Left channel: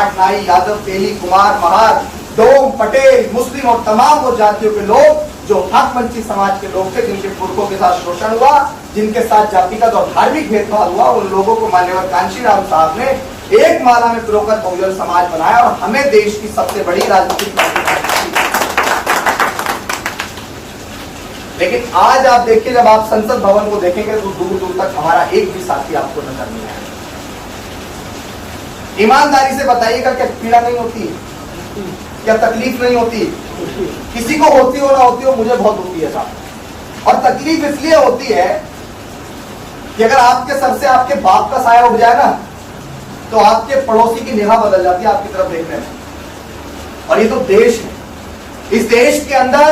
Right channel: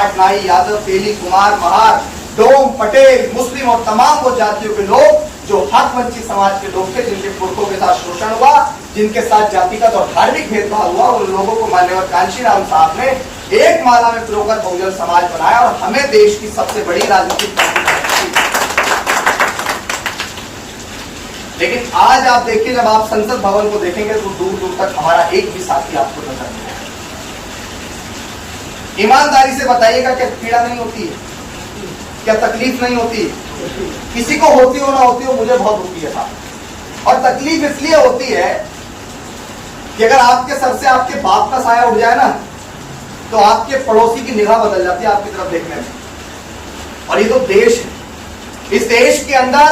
पाटनाई, यादव, तेली, कुमार, महार, डोम, पटेल, मुस्लिम और तमाम वो जातियों के लोग जो हक वंचित समाज के लोग थे, जिनके पुरखों के साथ शोषण हुआ, जिनके साथ जातिगत और धार्मिक भेदभाव हुआ, उन लोगों को माननीय कांशीराम साहब ने एक माला में पिरोकर बहुजन समाज बनाया और हमें देश की सबसे बड़ी राजनीतिक पार्टी बनाई। लेकिन आज आप देखिए, जब आप संसद भवन को देखेंगे तो दूर दूर तक हमारा एक भी साथी आपको नजर नहीं आएगा। ईमानदारी से बताइएगा, क्या पीड़ा नहीं होती है? क्या तकलीफ नहीं होती? किसी को होती हो ना होती हो, मुझे बहुत होती है साहब। और तकलीफ इसलिए होती है कि अगर आपके सर से आपके बाप का साया उठ जाए ना, तो आपके पड़ोसी की निगाह बदल जाती है आपकी तरफ देखने में। और ये तो देश है, इस देश के अंदर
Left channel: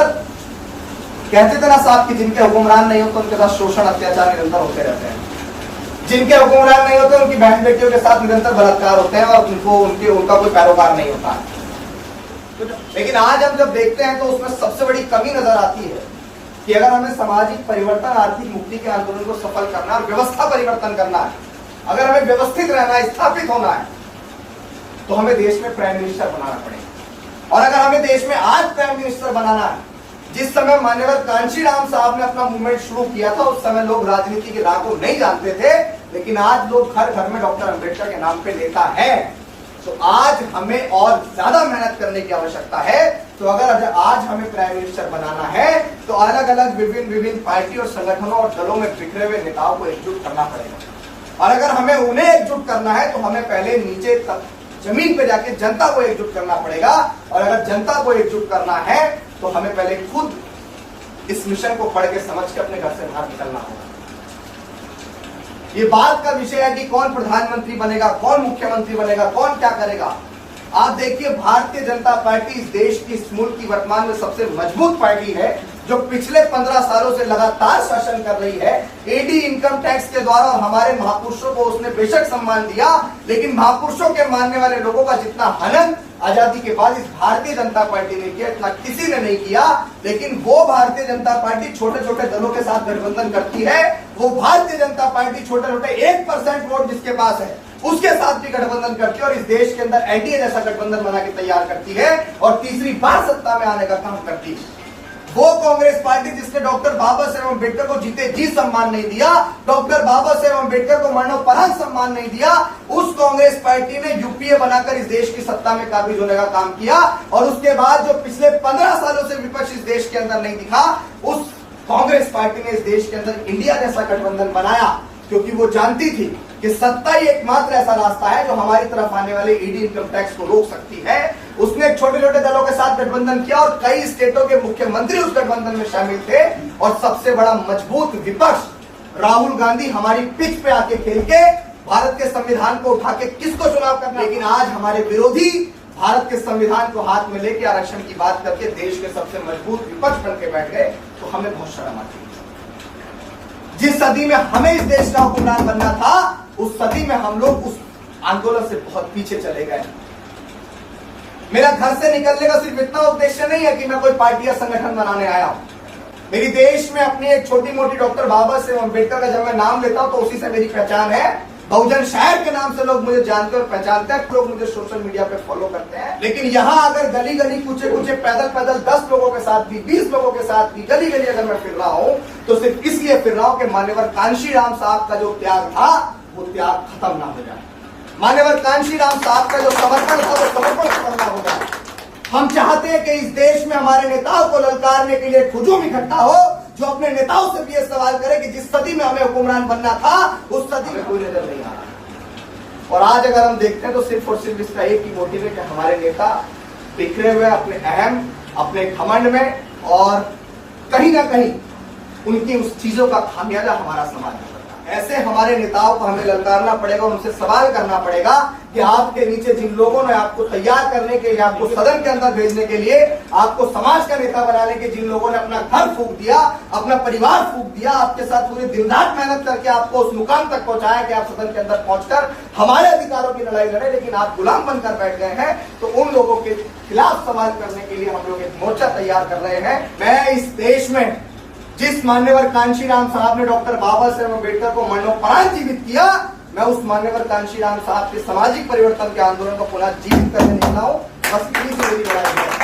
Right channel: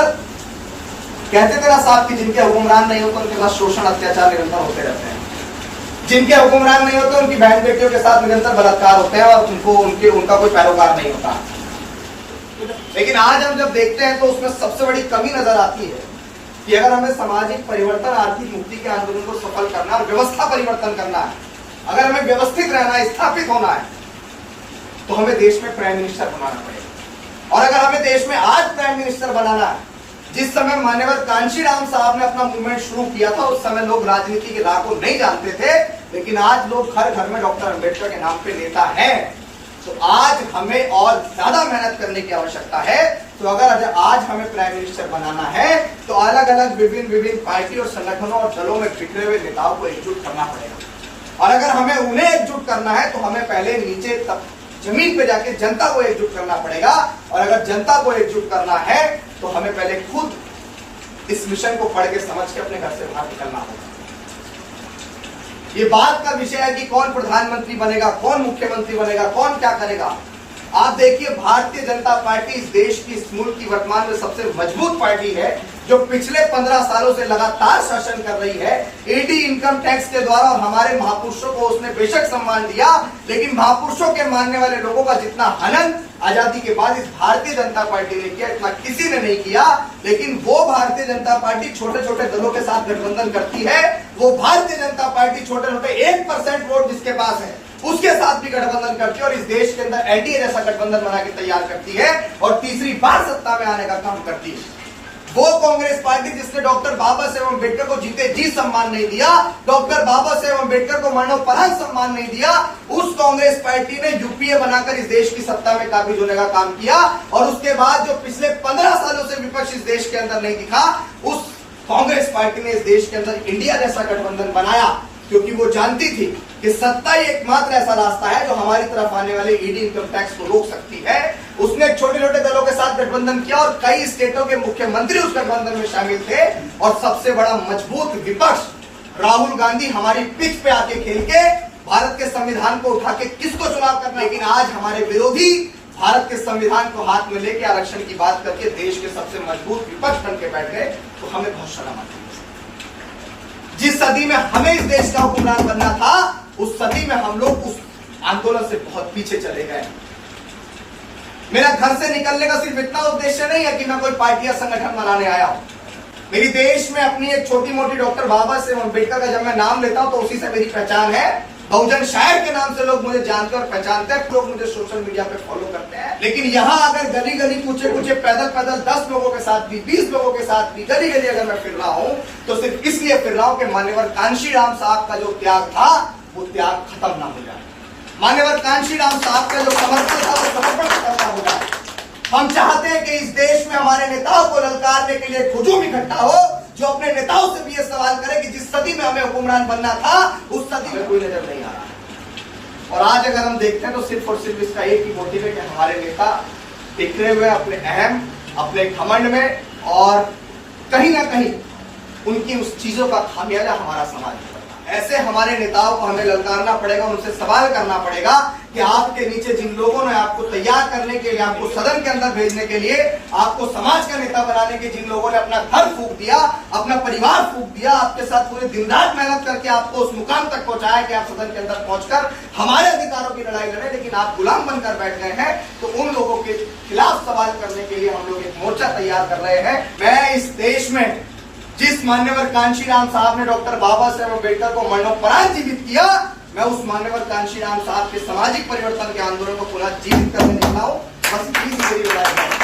कहते थे ना साहब कि जिनके हुक्मरान नहीं होते उनके साथ शोषण अत्याचार निरंतर होते रहते हैं, जिनके हुक्मरान नहीं होते उनकी बहन बेटियों के साथ निरंतर बलात्कार होते हैं और उनका कोई पैरोकार नहीं होता। लेकिन आज हम जब देखते हैं तो उसमें सबसे बड़ी कमी नजर आती है कि अगर हमें सामाजिक परिवर्तन, आर्थिक मुक्ति के आंदोलन को सफल करना और व्यवस्था परिवर्तन करना है, अगर हमें व्यवस्थित रहना है, स्थापित होना है, तो हमें देश में प्राइम मिनिस्टर बनाना पड़ेगा। और अगर हमें देश में आज प्राइम मिनिस्टर बनाना है, जिस समय मान्यवर कांशीराम साहब ने अपना मूवमेंट शुरू किया था, उस समय लोग राजनीति के राह को नहीं जानते थे, लेकिन आज लोग घर घर में डॉक्टर अंबेडकर के नाम पे नेता है। तो आज हमें और ज्यादा मेहनत करने की आवश्यकता है। तो अगर आज हमें प्राइम मिनिस्टर बनाना है तो अलग अलग विभिन्न पार्टी और संगठनों और दलों में बिखरे हुए नेताओं को एकजुट करना पड़ेगा। और अगर हमें उन्हें एकजुट करना है तो हमें पहले नीचे जमीन पे जाके जनता को एकजुट करना पड़ेगा। और अगर जनता को एकजुट करना है तो हमें पहले खुद इस मिशन को पढ़ के समझ के अपने घर से बाहर निकलना होगा। ये बात का विषय है कि कौन प्रधानमंत्री बनेगा, कौन मुख्यमंत्री बनेगा, कौन क्या करेगा। आप देखिए, भारतीय जनता पार्टी इस देश की, इस मुल्क की वर्तमान में सबसे मजबूत पार्टी है, जो पिछले 15 सालों से लगातार शासन कर रही है। ईडी इनकम टैक्स के द्वारा और हमारे महापुरुषों को उसने बेशक सम्मान दिया, लेकिन महापुरुषों के मानने वाले लोगों का जितना हनन आजादी के बाद इस भारतीय जनता पार्टी ने किया, इतना किसी ने नहीं किया। लेकिन वो भारतीय जनता पार्टी छोटे छोटे दलों के साथ गठबंधन करती है। वो भारतीय जनता पार्टी छोटे छोटे 1% वोट जिसके पास है उसके साथ भी गठबंधन करती है और इस देश के अंदर एनडीए जैसा गठबंधन बना के तैयार करती है और तीसरी बार सत्ता में आने का काम करती है। वो कांग्रेस पार्टी जिसने डॉक्टर बाबा साहेब अम्बेडकर को जीते जी सम्मान नहीं दिया, डॉक्टर बाबा साहेब अम्बेडकर को मरणोपरांत सम्मान नहीं दिया, उस कांग्रेस पार्टी ने यूपीए बनाकर इस देश की सत्ता में काबिज होने का काम किया। और उसके बाद जो पिछले 15 सालों से विपक्ष इस देश के अंदर नहीं दिखा, उस कांग्रेस पार्टी ने इस देश के अंदर इंडिया जैसा गठबंधन बनाया, क्योंकि वो जानती थी कि सत्ता ही एकमात्र ऐसा रास्ता है जो हमारी तरफ आने वाले ईडी इनकम टैक्स को रोक सकती है। उसने छोटे छोटे दलों के साथ गठबंधन किया और कई स्टेटों के मुख्यमंत्री उस गठबंधन में शामिल थे। और सबसे बड़ा मजबूत विपक्ष राहुल गांधी हमारी पिच पे आके खेल के भारत के संविधान को उठा के किसको चुनाव करना। लेकिन आज हमारे विरोधी भारत के संविधान को हाथ में लेके आरक्षण की बात करके देश के सबसे मजबूत विपक्ष बन के बैठ गए, तो हमें बहुत शर्म आती है। जिस सदी में हमें इस देश का हुक्मरान बनना था, उस सदी में हम लोग उस आंदोलन से बहुत पीछे चले गए। मेरा घर से निकलने का सिर्फ इतना उद्देश्य नहीं है कि मैं कोई पार्टी या संगठन बनाने आया हूं। मेरी देश में अपनी एक छोटी मोटी डॉक्टर बाबा साहेब अम्बेडकर का जब मैं नाम लेता हूं तो उसी से मेरी पहचान है। बहुजन शायर के नाम से लोग मुझे जानते और पहचानते हैं, लोग मुझे सोशल मीडिया पे फॉलो करते हैं। लेकिन यहाँ अगर गली गली कूचे कूचे पैदल 10 लोगों के साथ भी, 20 लोगों के साथ भी गली गली अगर मैं फिर रहा हूं तो सिर्फ इसलिए फिर रहा हूं कि मान्यवर कांशीराम साहब का जो त्याग था वो त्याग खत्म ना हो जाए। मान्यवर कांशीराम साहब का जो समर्पण था वो समर्पण खत्म ना हो जाए। हम चाहते हैं कि इस देश में हमारे नेताओं को ललकारने के लिए हुजूम इकट्ठा हो, जो अपने नेताओं से भी ये सवाल करे कि जिस सदी में हमें हुक्मरान बनना था उस सदी में कोई नजर नहीं आ रहा। और आज अगर हम देखते हैं तो सिर्फ और सिर्फ इसका एक ही मोटिव है कि हमारे नेता बिखरे हुए अपने अहम, अपने घमंड में, और कहीं ना कहीं उनकी उस चीजों का खामियाजा हमारा समाज में। ऐसे हमारे नेताओं को हमें ललकारना पड़ेगा, उनसे सवाल करना पड़ेगा कि आपके नीचे जिन लोगों ने आपको तैयार करने के लिए, आपको सदन के अंदर भेजने के लिए, आपको समाज का नेता बनाने के जिन लोगों ने अपना घर फूंक दिया, अपना परिवार फूंक दिया, आपके साथ पूरे दिन रात मेहनत करके आपको उस मुकाम तक पहुंचाया कि आप सदन के अंदर पहुंचकर हमारे अधिकारों की लड़ाई लड़े, लेकिन आप गुलाम बनकर बैठ गए हैं। तो उन लोगों के खिलाफ सवाल करने के लिए हम लोग एक मोर्चा तैयार कर रहे हैं। मैं इस देश में जिस मान्यवर कांशीराम साहब ने डॉक्टर बाबा साहेब अम्बेडकर को मरणोपरांत जीवित किया, मैं उस मान्यवर कांशीराम साहब के सामाजिक परिवर्तन के आंदोलन को पुनः जीवित करने निकला हूं। बस इतनी सी मेरी लड़ाई है।